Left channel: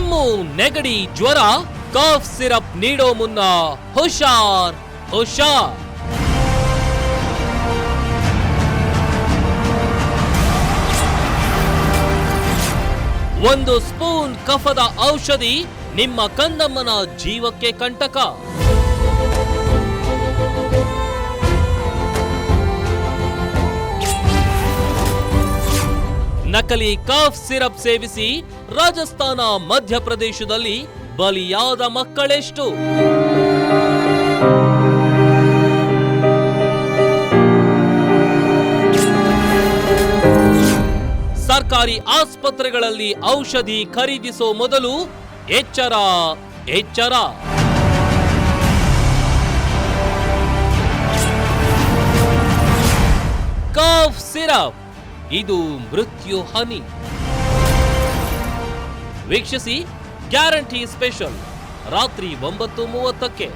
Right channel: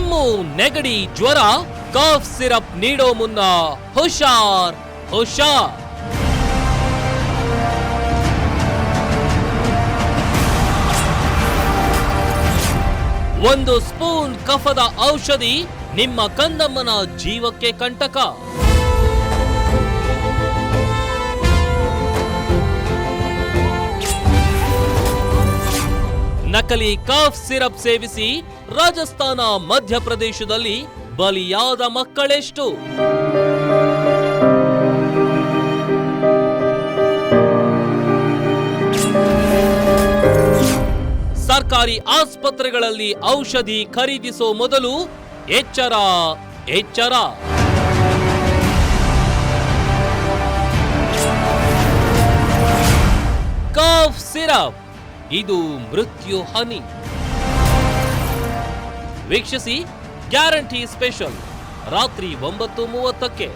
ಕೆಮ್ಮು, ನೆಗಡಿ, ಜ್ವರ, ಕಾಫ್ ಸಿರಪ್ ನೀಡೋ ಮುನ್ನ ಹುಷಾರ್ ಹುಷಾರ್. ಒಂದು ಸ್ಪೂನ್ ಕಫದ ಔಷಧಿ ನಿಮ್ಮ ಕಂದಮ್ಮನ ಜೀವಕ್ಕೆ ಕಂಟಕ. ನಕಲಿ ಕಾಫ್ ಸಿರಪ್ ಸೇವಿಸಿ ರಾಜಸ್ಥಾನ, ಮಧ್ಯಪ್ರದೇಶದಲ್ಲಿ ಬಲಿಯಾದ ಮಕ್ಕಳೆಷ್ಟು? ಸರ್ಕಾರಿ ಆಸ್ಪತ್ರೆಗಳಲ್ಲಿ ಔಷಧಿ ಖರೀದಿಸೋ ಮೊದಲು ಎಚ್ಚರ ಎಚ್ಚರ. ಕಾಫ್ ಸಿರಪ್, ಇದು ಮೃತ್ಯು ಹನಿ. ವೀಕ್ಷಿಸಿ ಗ್ಯಾರಂಟಿ ಸ್ಪೆಷಲ್ ರಾತ್ರಿ 9:30ಕ್ಕೆ.